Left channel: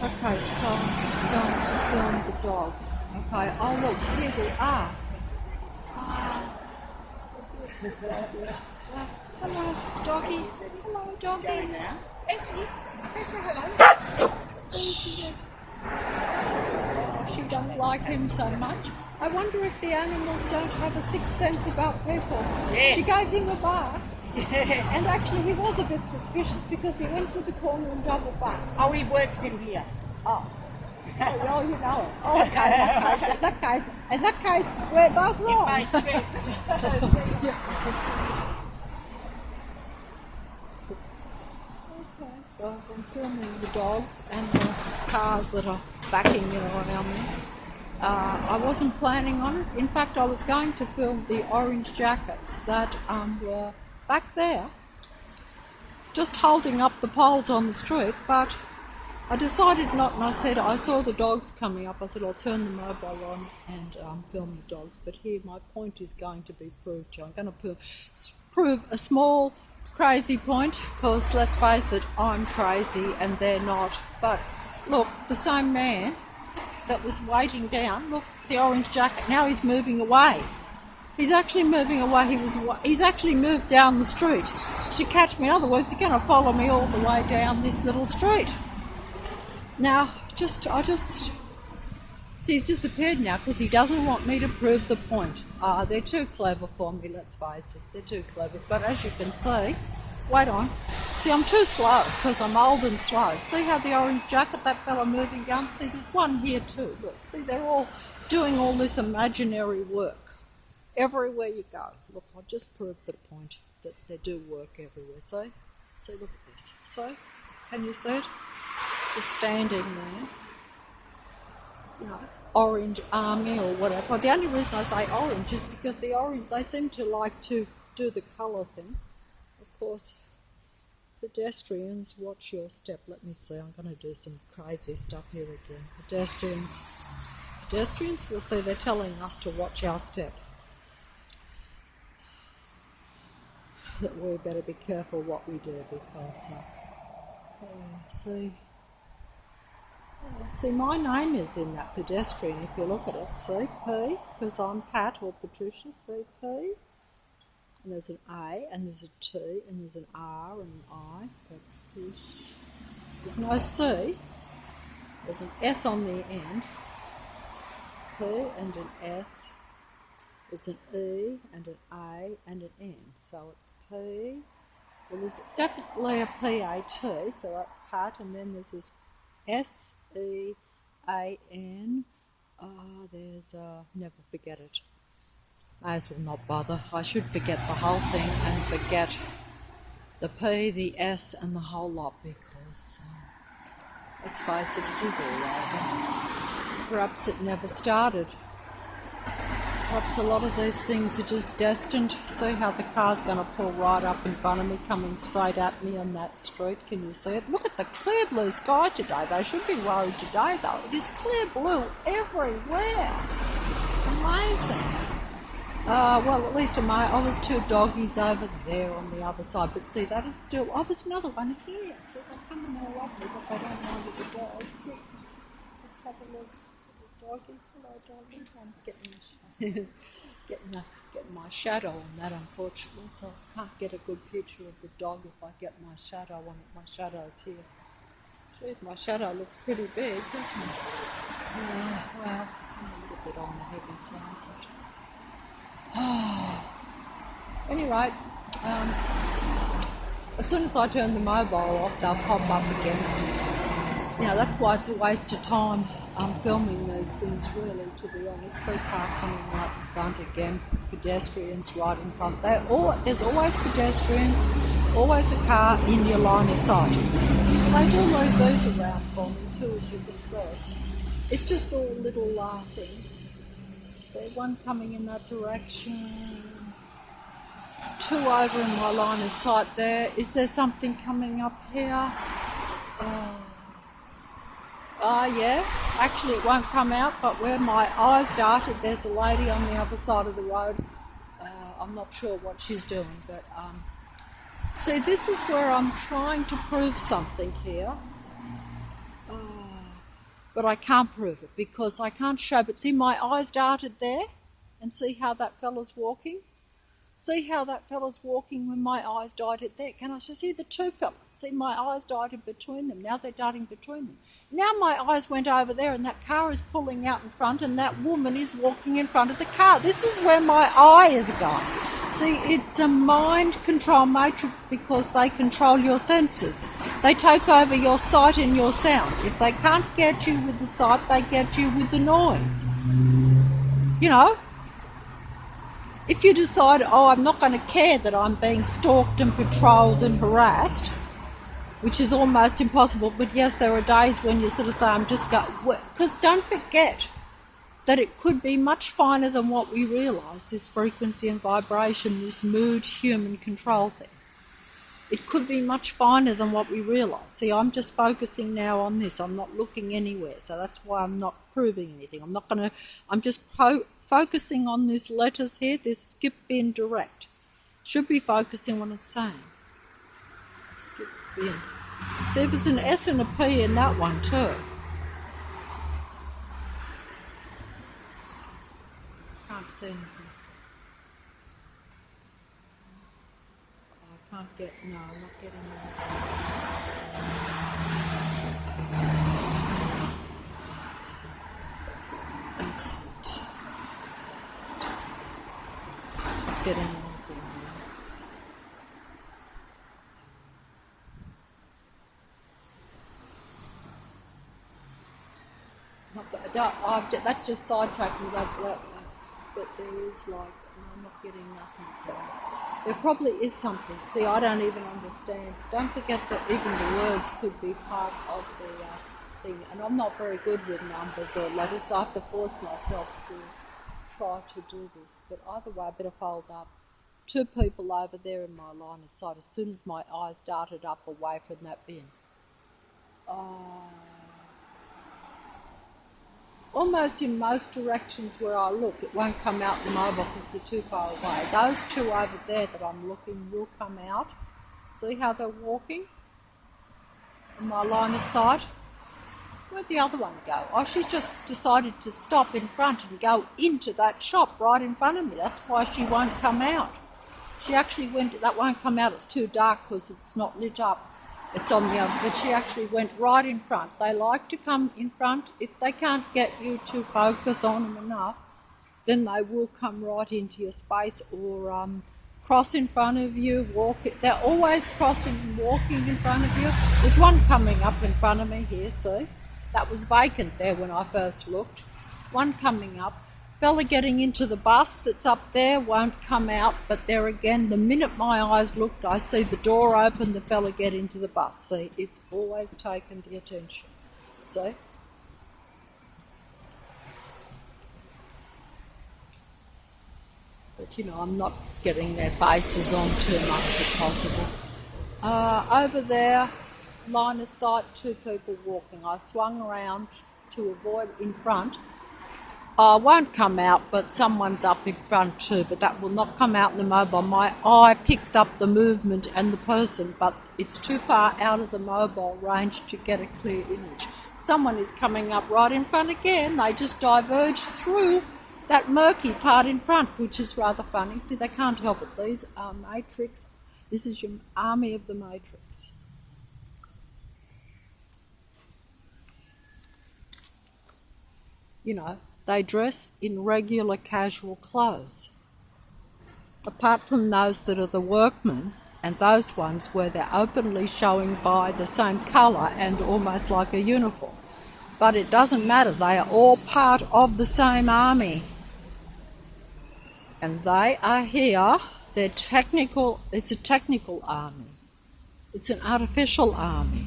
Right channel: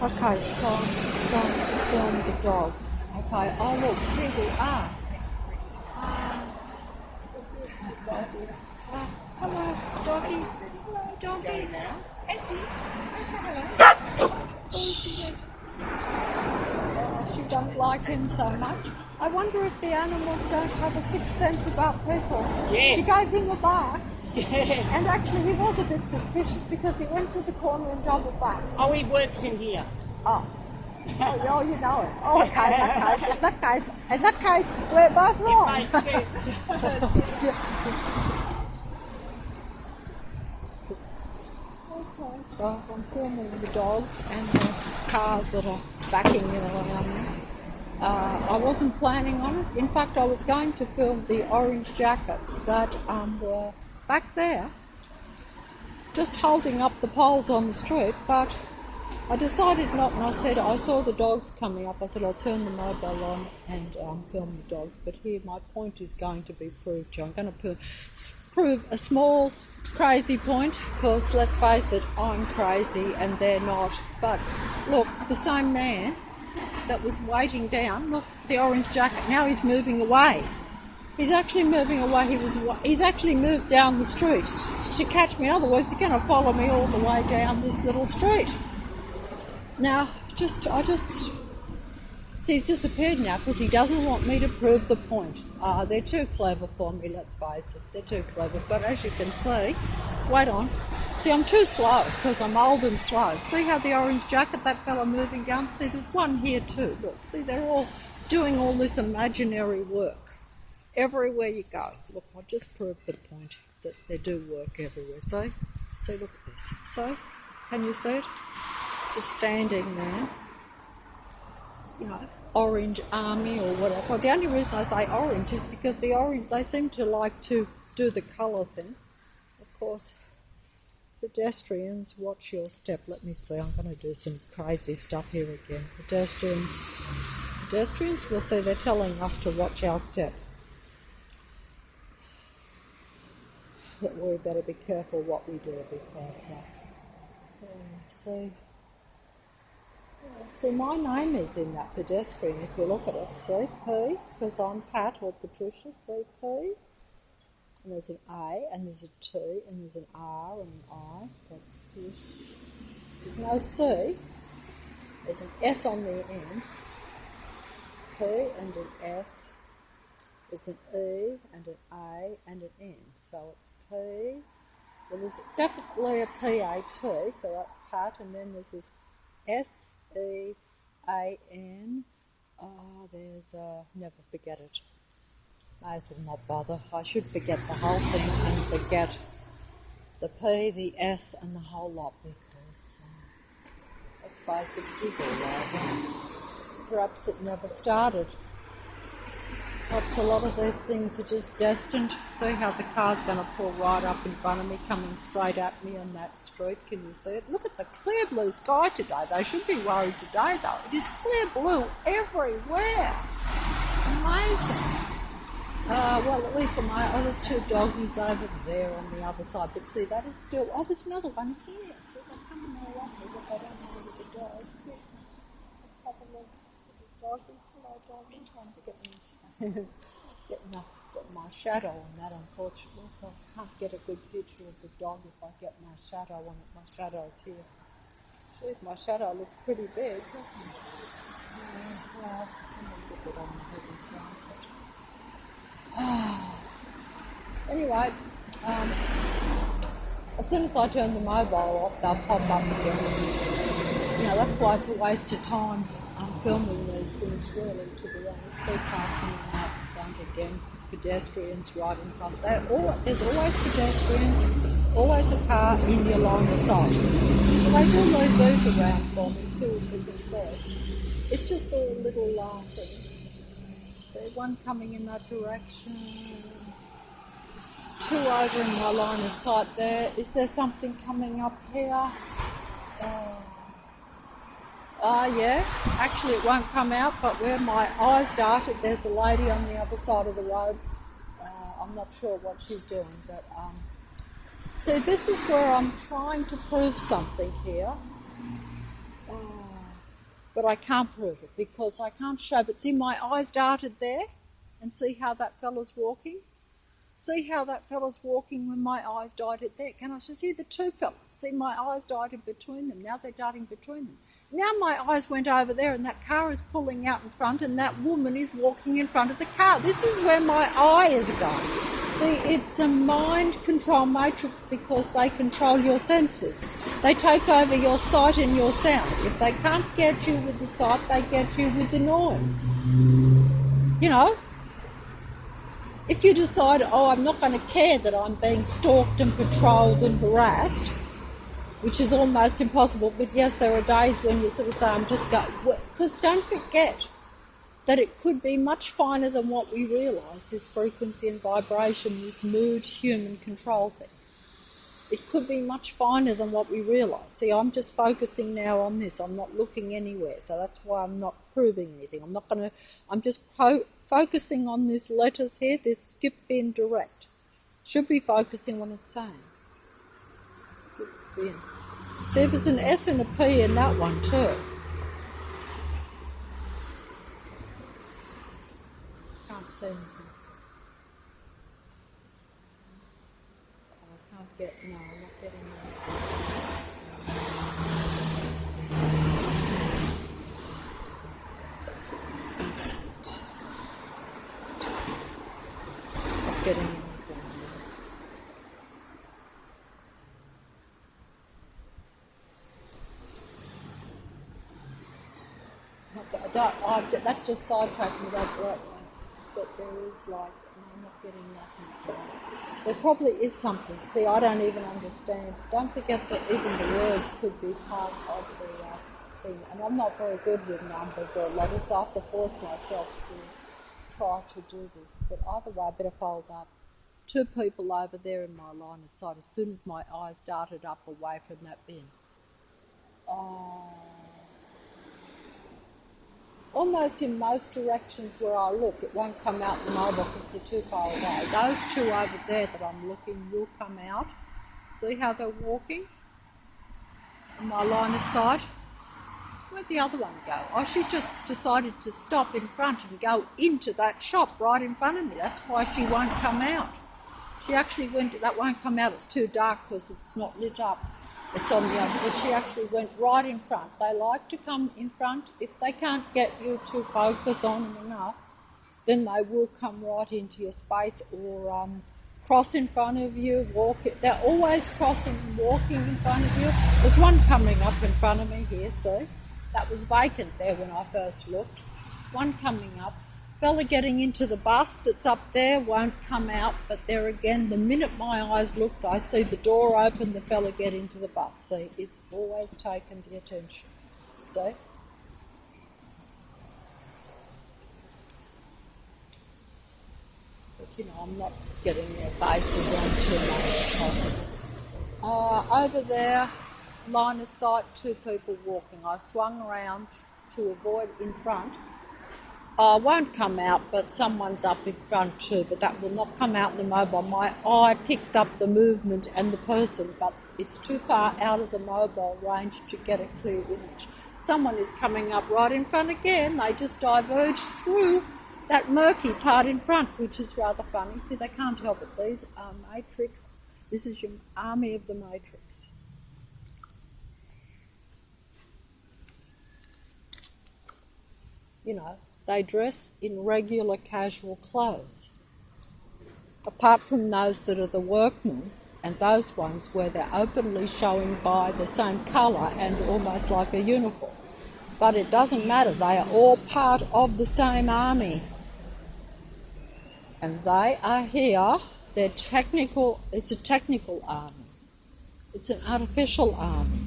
Okay, so I'm just going to film the dogs. Okay, oh look, here we are. Hello, doggy. Hello, doggy. Now. Essie, hello. Oh, she doesn't like him so much. I wonder if the animals don't have a sixth sense about people. Yes. She gave him a bark, and actually he was a bit suspicious because he went to the corner and double back. Oh, he works in here. Oh, oh, you know it. Oh, okay, in that case, we're both wrong. It makes sense. Okay, so I'm filming the dogs and the cars that are backing around me. I wasn't planning on it. In fact, I was going to film the orange jackets that were back there, just holding up the poles on the street, but I decided not, and I saw the dogs coming up. I said, I'll turn the mobile on and film the dogs. But here, my point is going to be proved to. I'm going to prove a small crazy point, because let's face it, I'm crazy and they're not. But look, the same man that was waiting down, look, the orange jacket, now he's moving away. He's actually moving away. He's actually moved down the street to catch me. Otherwise, he's going to follow me all the way down this little street. Now, see, he's disappeared now because he doesn't want me to prove the point. They're too clever for me, let's face it. They're too clever. But as you can see, wait on. See, I'm too slow because I'm old and slow. See how the orange jacket, that fella moving down? See, there's one here too. Look, see, they're all doing all this imaginary work. Everywhere you go. Look, I just proved the point that they do work everywhere. See, look at this. So, can you see it? Just standing there, you know, orange army or whatever. The only reason I say orange is because the orange, they seem to like to do the colour thing. Of course, pedestrians, watch your step. Let me see, I'm going to do some crazy stuff here again. Pedestrians, we'll see, they're telling us to watch our step. That we better be careful what we do because, see, my name is in that pedestrian, if you look at it. See, P, because I'm Pat or Patricia, see, P. And there's an A, and there's a T, and there's an R and an I. That's this. There's no C. There's an S on the end. P and an S. There's an E and an A and an N. So it's P. Well, there's definitely a P-A-T, so that's Pat, and then there's this S-E-A-N. There's never forget it. May as well not bother. I should forget the whole thing and forget the P, the S, and the whole lot because, let's face it, it is all over. Perhaps it never started. Perhaps a lot of these things are just destined. See how the car's going to pull right up in front of me, coming straight at me on that street. Can you see it? Look at the clear blue sky today. They should be worried today, though. It is clear blue everywhere. Amazing. Well, at least there's two doggies over there on the other side. But see, that is still... Oh, there's another one here. See, they're coming all up me, but they don't know the dogs. Let's have a look. Doggy. Hello, doggy. I'm getting my shadow on that, unfortunately, so I can't get a good picture of the dog if I get my shadow on it. My shadow's here. There's my shadow. Looks pretty big, doesn't it? Well, I'm a little bit on the heavy side. But anyway, as soon as I turn the mobile off, they'll pop up again. You know, that's why it's a waste of time. I'm filming these things, really, to be honest. See car coming out in front again, pedestrians right in front. There's always pedestrians, always a car in your line of sight. But they do leave these around for me too, if you can see. It's just all little things. See, one coming in that direction, two over in my line of sight there. Is there something coming up here? Yeah, actually it won't come out, but where my eyes darted, there's a lady on the other side of the road. I'm not sure what she's doing, but see, this is where I'm trying to prove something here. but I can't prove it because I can't show. But see, my eyes darted there, and see how that fella's walking? See how that fella's walking when my eyes darted there? Can I just see the two fellas? See, my eyes darted between them. Now they're darting between them. Now my eyes went over there, and that car is pulling out in front, and that woman is walking in front of the car. This is where my eye is going. See, it's a mind control matrix because they control your senses. They take over your sight and your sound. If they can't get you with the sight, they get you with the noise. You know? If you decide, oh, I'm not going to care that I'm being stalked and patrolled and harassed, which is almost impossible, but yes, there are days when you sort of say, I'm just going, because don't forget that it could be much finer than what we realise, this frequency and vibration, this mood, human control thing. It could be much finer than what we realise. See, I'm just focusing now on this. I'm not looking anywhere, so that's why I'm not proving anything. I'm just focusing on this letters here, this skip bin direct. Should be focusing on what it's saying. Skip bin. See, there's an S and a P in that one too. Can't see anything. Can't get, no, I'm not getting that. Instant. Not getting anything. That's just sidetracking me. That there is like, I'm not getting nothing there. There probably is something. See, I don't even understand. Don't forget that even the words could be part of the thing. And I'm not very good with numbers or letters, so I have to force myself to try to do this. But either way, I better fold up. Two people over there in my line of sight as soon as my eyes darted up away from that bin. Almost in most directions where I look, it won't come out the mobile because they're too far away. Those two over there that I'm looking will come out. See how they're walking? In my line of sight. Where'd the other one go? Oh, she's just decided to stop in front and go into that shop right in front of me. That's why she won't come out. She actually that won't come out, it's too dark because it's not lit up. It's on the other, but she actually went right in front. They like to come in front. If they can't get you to focus on them enough, then they will come right into your space or cross in front of you, walk. They're always crossing and walking in front of you. There's one coming up in front of me here, see? That was vacant there when I first looked. One coming up. Fella getting into the bus that's up there won't come out, but there again, the minute my eyes looked, I see the door open, the fella get into the bus. See, it's always taken the attention. See? But you know, I'm not getting their faces on too much if possible. Over there, line of sight, two people walking. I swung around to avoid in front. I won't come out, but someone's up in front too, but that will not come out in the mobile. My eye picks up the movement and the person, but it's too far out of the mobile range to get a clear image. Someone is coming up right in front again. They just diverge through that murky part in front, which is rather funny. See, they can't help it. These are matrix. This is your army of the matrix. You know, they dress in regular casual clothes. Apart from those that are the workmen and those ones where they're openly showing by the same colour and almost like a uniform. But it doesn't matter, they are all part of the same army. And they are here, it's a technical army. It's an artificial army.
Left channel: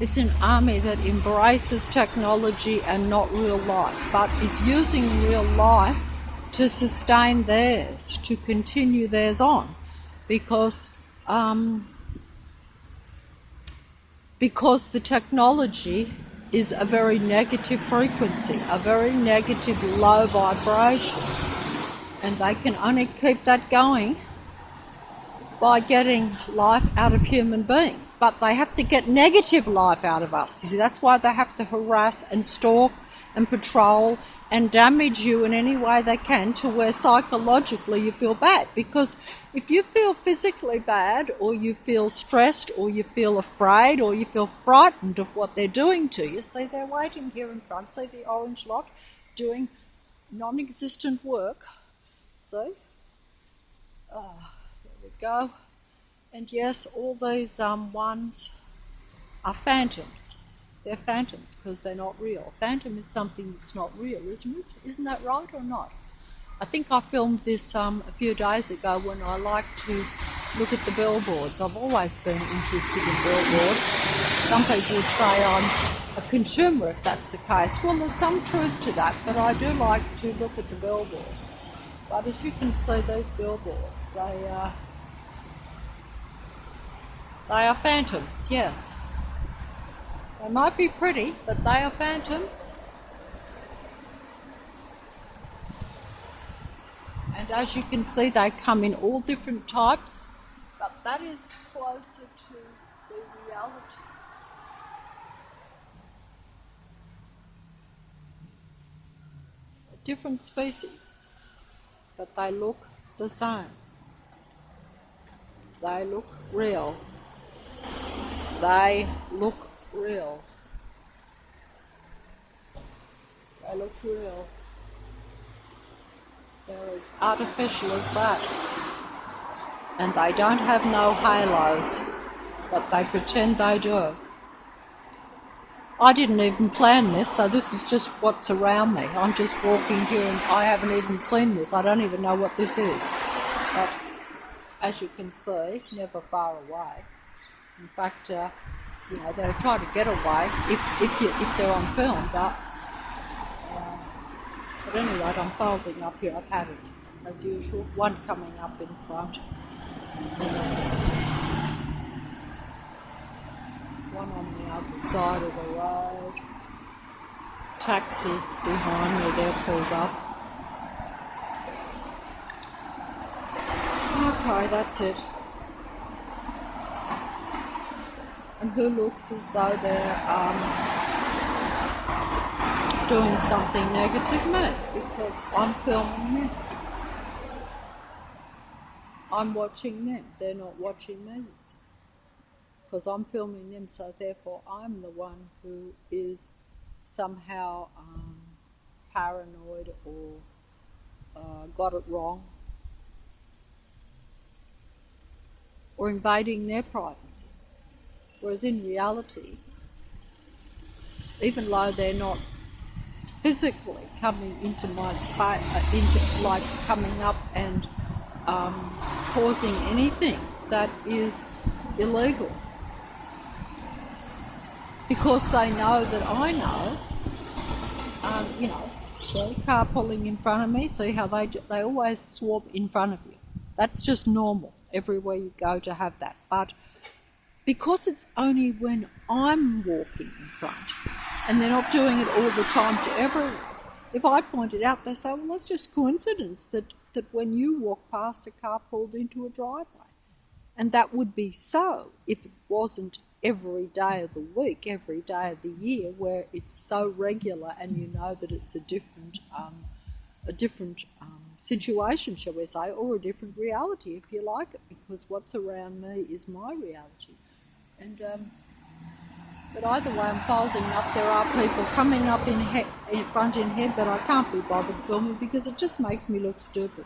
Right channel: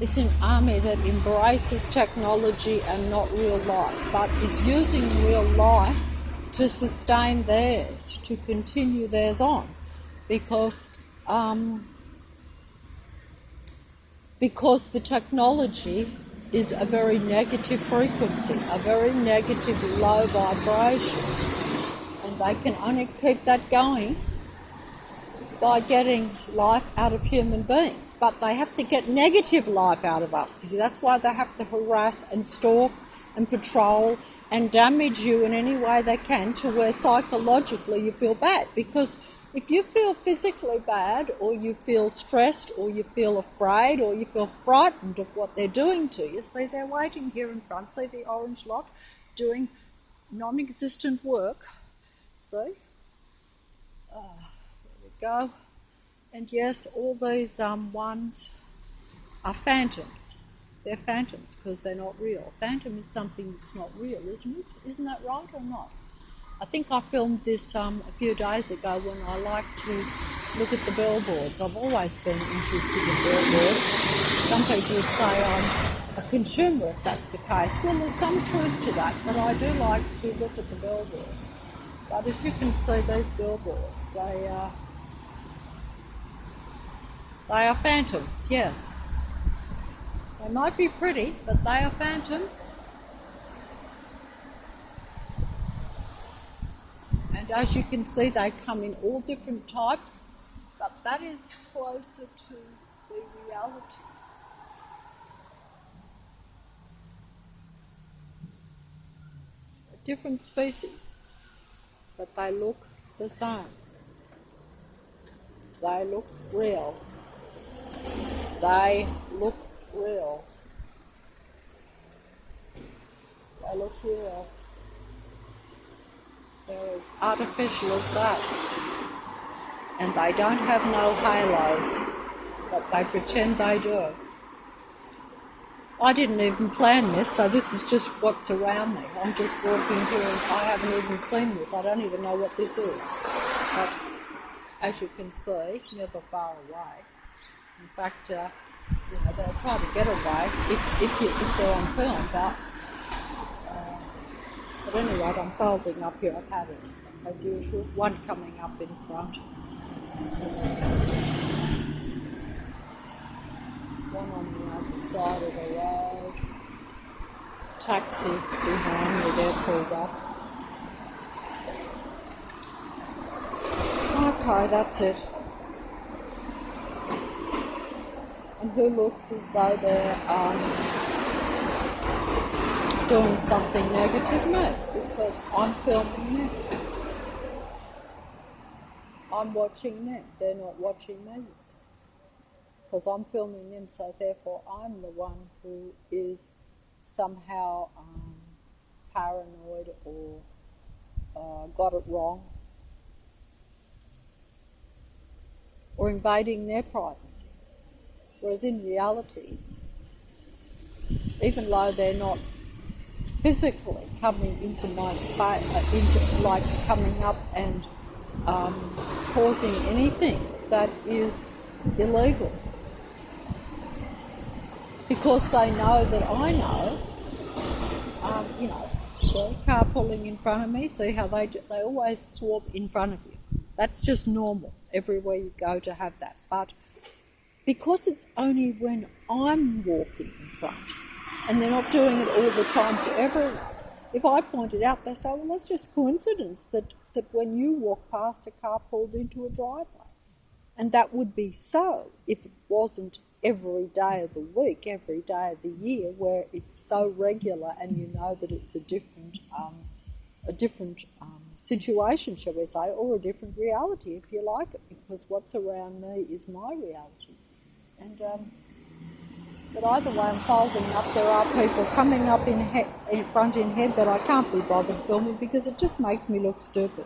It's an army that embraces technology and not real life, but is using real life to sustain theirs, to continue theirs on, because the technology is a very negative frequency, a very negative low vibration, and they can only keep that going by getting life out of human beings, but they have to get negative life out of us. You see, that's why they have to harass and stalk and patrol and damage you in any way they can to where psychologically you feel bad. Because if you feel physically bad, or you feel stressed, or you feel afraid, or you feel frightened of what they're doing to you, see, they're waiting here in front, see the orange lot doing non-existent work, see? There we go. And yes, all these ones are phantoms. They're phantoms because they're not real. Phantom is something that's not real, isn't it? Isn't that right or not? I think I filmed this a few days ago when I like to look at the billboards. I've always been interested in billboards. Some people would say I'm a consumer if that's the case. Well, there's some truth to that, but I do like to look at the billboards. But as you can see, these billboards, they are phantoms, yes. They might be pretty, but they are phantoms. And as you can see, they come in all different types, but that is closer to the reality. Different species, but they look the same. They look real. They look real. They look real. They're as artificial as that. And they don't have no halos, but they pretend they do. I didn't even plan this, so this is just what's around me. I'm just walking here and I haven't even seen this. I don't even know what this is. But as you can see, never far away. In fact, they'll try to get away if they're on film, but anyway, I'm folding up here. I've had it, as usual. One coming up in front. One on the other side of the road. Taxi behind where they're pulled up. Okay, that's it. And who looks as though they're doing something negative? Me, because I'm filming them. I'm watching them. They're not watching me. Because I'm filming them, so therefore I'm the one who is somehow paranoid or got it wrong, or invading their privacy. Whereas in reality, even though they're not physically coming into my space, coming up and causing anything that is illegal, because they know that I know, see, car pulling in front of me, see how they always swap in front of you. That's just normal, everywhere you go to have that. But because it's only when I'm walking in front, and they're not doing it all the time to everyone, if I point it out, they say, well, that's just coincidence that when you walk past, a car pulled into a driveway. And that would be so if it wasn't every day of the week, every day of the year, where it's so regular and you know that it's a different situation, shall we say, or a different reality, if you like it, because what's around me is my reality. And but either way, I'm folding up. There are people coming up in front in head, but I can't be bothered filming because it just makes me look stupid.